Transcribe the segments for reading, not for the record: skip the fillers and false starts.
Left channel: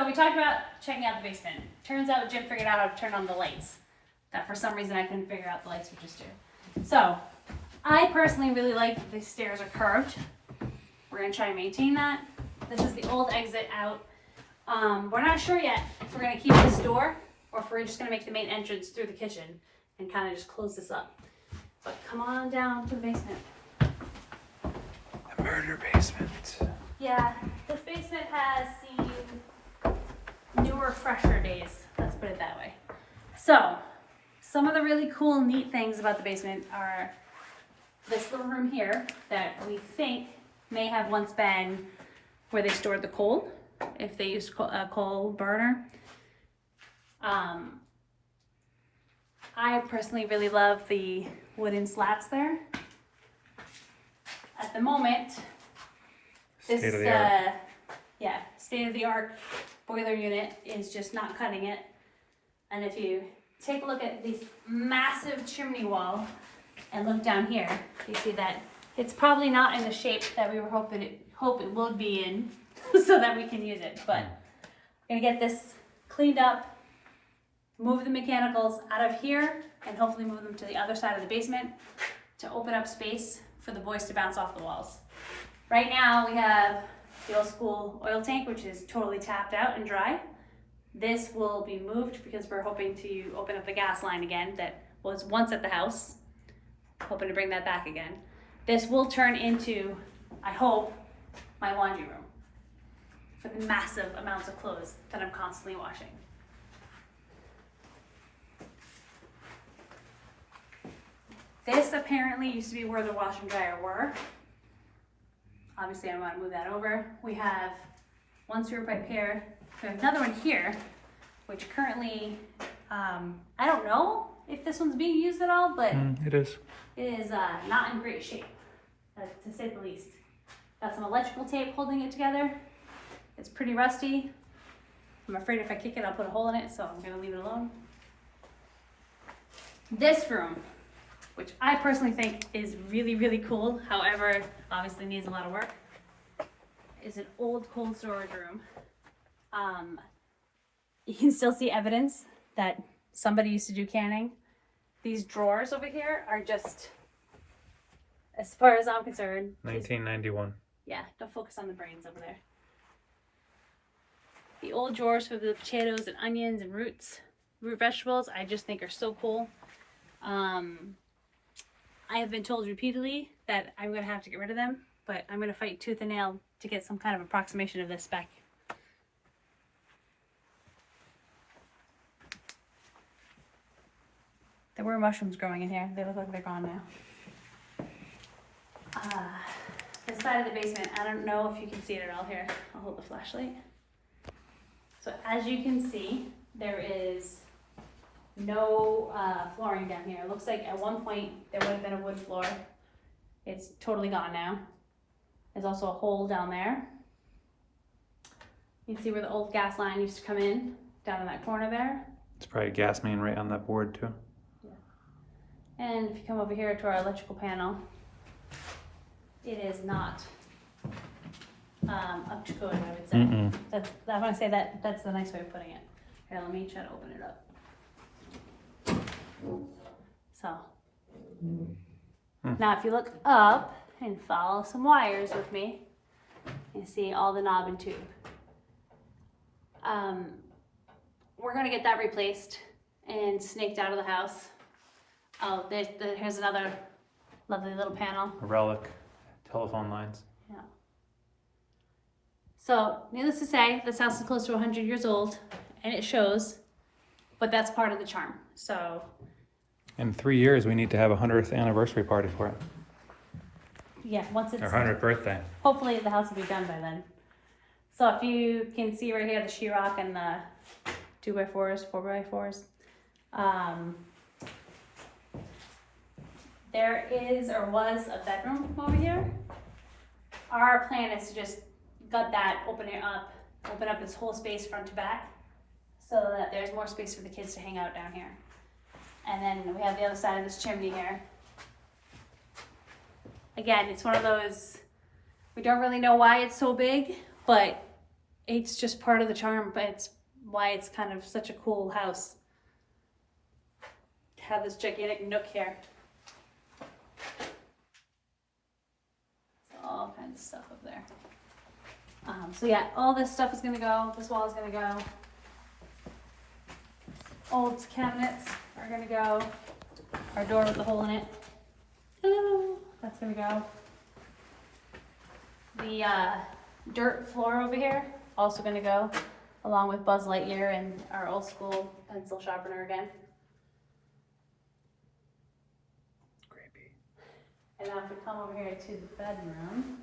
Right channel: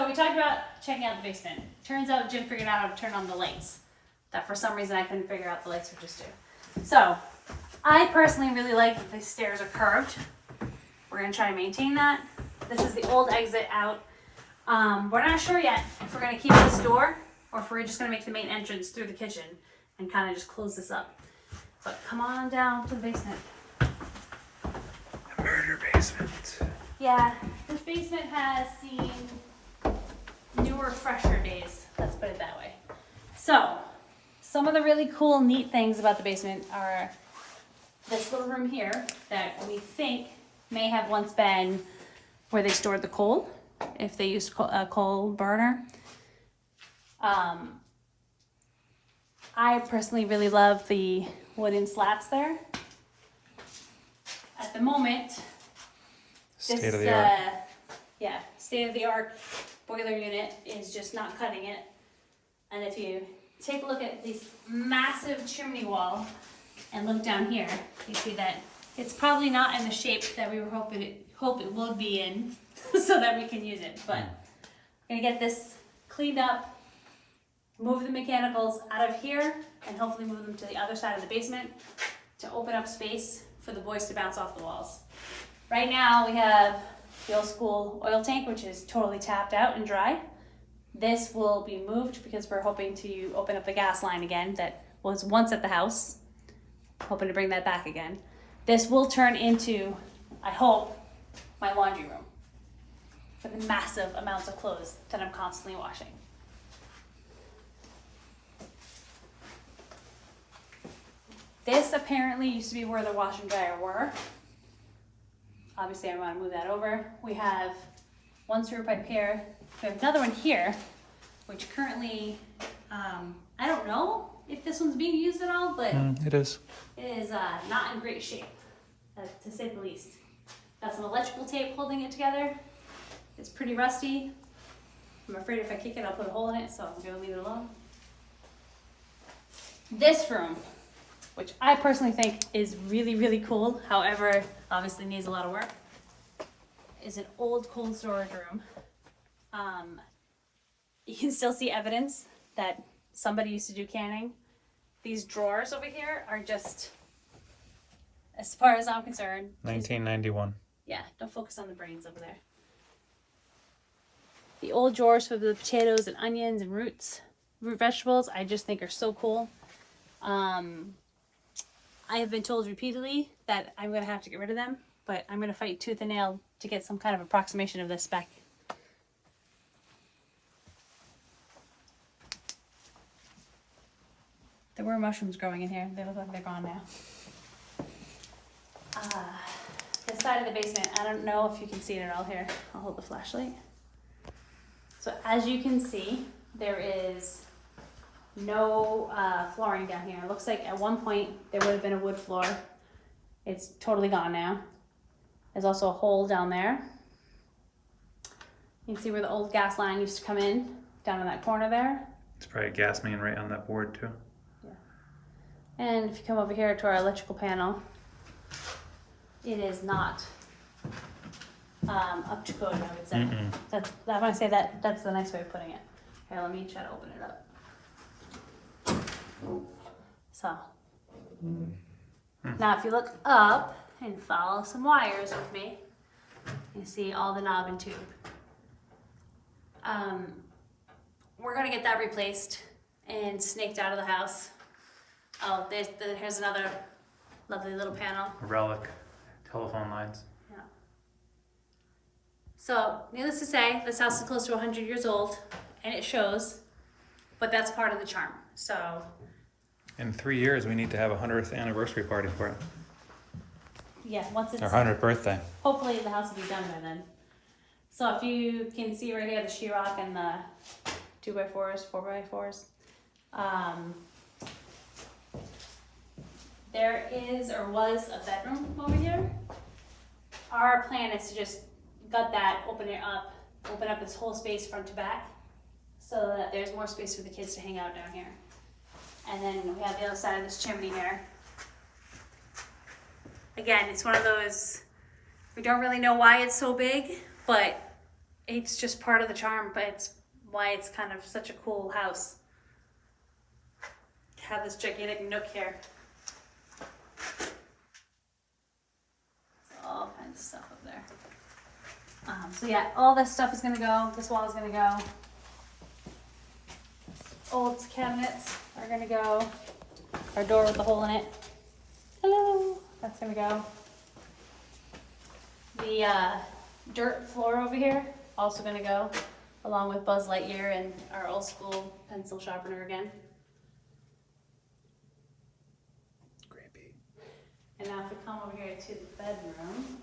So we talked about checking out the basement. Turns out Jim figured out how to turn on the lights. That for some reason I couldn't figure out the lights would just do. So I personally really like that these stairs are curved. We're gonna try and maintain that. This is the old exit out. We're not sure yet if we're gonna keep this door or if we're just gonna make the main entrance through the kitchen and kind of just close this up. But come on down to the basement. The murder basement. Yeah, this basement has seen newer, fresher days. Let's put it that way. So, some of the really cool, neat things about the basement are this little room here that we think may have once been where they stored the coal, if they used a coal burner. I personally really love the wooden slats there. At the moment, State of the art. Yeah, state of the art boiler unit is just not cutting it. And if you take a look at this massive chimney wall and look down here, you see that it's probably not in the shape that we were hope it will be in so that we can use it. But I'm gonna get this cleaned up, move the mechanicals out of here, and hopefully move them to the other side of the basement to open up space for the boys to bounce off the walls. Right now we have the old school oil tank, which is totally tapped out and dry. This will be moved because we're hoping to open up the gas line again that was once at the house. Hoping to bring that back again. This will turn into, I hope, my laundry room for the massive amounts of clothes that I'm constantly washing. This apparently used to be where the wash and dryer were. Obviously I want to move that over. We have one sewer pipe here. We have another one here, which currently, I don't know if this one's being used at all, but It is. it is not in great shape, to say the least. Got some electrical tape holding it together. It's pretty rusty. I'm afraid if I kick it, I'll put a hole in it, so I'm gonna leave it alone. This room, which I personally think is really, really cool, however, obviously needs a lot of work, is an old cold storage room. You can still see evidence that somebody used to do canning. These drawers over here are just, as far as I'm concerned, 1991. yeah, don't focus on the brains over there. The old drawers for the potatoes and onions and root vegetables, I just think are so cool. I have been told repeatedly that I'm going to have to get rid of them, but I'm going to fight tooth and nail to get some kind of approximation of this back. There were mushrooms growing in here. They look like they're gone now. Inside of the basement, I don't know if you can see it at all here. I'll hold the flashlight. So as you can see, there is no flooring down here. It looks like at one point there would have been a wood floor. It's totally gone now. There's also a hole down there. You can see where the old gas line used to come in, down in that corner there. It's probably a gas main right on that board too. And if you come over here to our electrical panel, it is not up to code, I would say. That's, I want to say that that's the nice way of putting it. Here, let me try to open it up. So, now if you look up and follow some wires with me, you see all the knob and tube. We're gonna get that replaced and snaked out of the house. Oh, here's another lovely little panel. A relic. Telephone lines. Yeah. So, needless to say, this house is close to 100 years old, and it shows, but that's part of the charm. So, In 3 years, we need to have a 100th anniversary party for it. yeah, once it's, Our 100th birthday. hopefully the house will be done by then. So if you can see right here, the sheetrock and the 2x4s, 4x4s. There is or was a bedroom over here. Our plan is to just gut that, open up this whole space front to back, so that there's more space for the kids to hang out down here. And then we have the other side of this chimney here. Again, it's one of those, we don't really know why it's so big, but it's just part of the charm, but it's why it's kind of such a cool house. Have this gigantic nook here. All kinds of stuff up there. So yeah, all this stuff is gonna go. This wall is gonna go. Old cabinets are gonna go. Our door with the hole in it. Hello. That's gonna go. The dirt floor over here also gonna go, along with Buzz Lightyear and our old school pencil sharpener again. Creepy. And now if we come over here to the bedroom,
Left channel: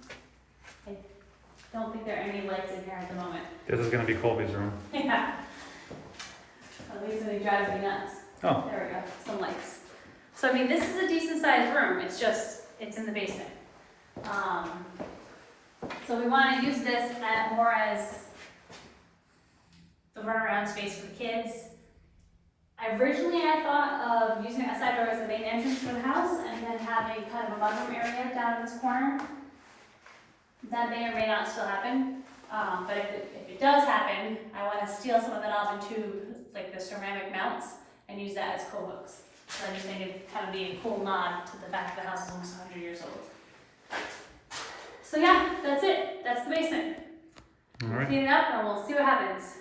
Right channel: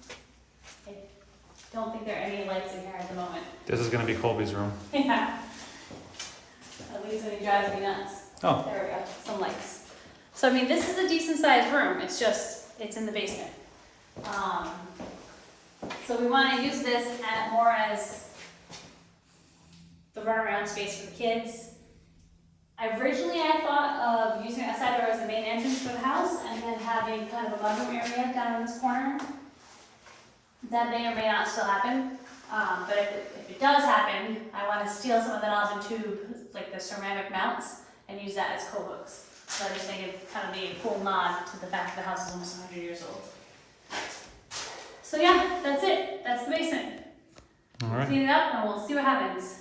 I don't think there are any lights in here at the moment. This is gonna be Colby's room. Yeah. At least when he drives me nuts. Oh. There we go, some lights. So I mean, this is a decent sized room, it's just, it's in the basement. So we wanna use this more as the runaround space for the kids. Originally I thought of using a side door as the main entrance to the house and then having kind of a mudroom area down in this corner. That may or may not still happen, but if it does happen, I want to steal some of the knobs and tube, like the ceramic mounts, and use that as co-hooks. So I just think it'd kind of be a cool nod to the fact that the house is almost 100 years old. So yeah, that's it. That's the basement. All right. Clean it up and we'll see what happens.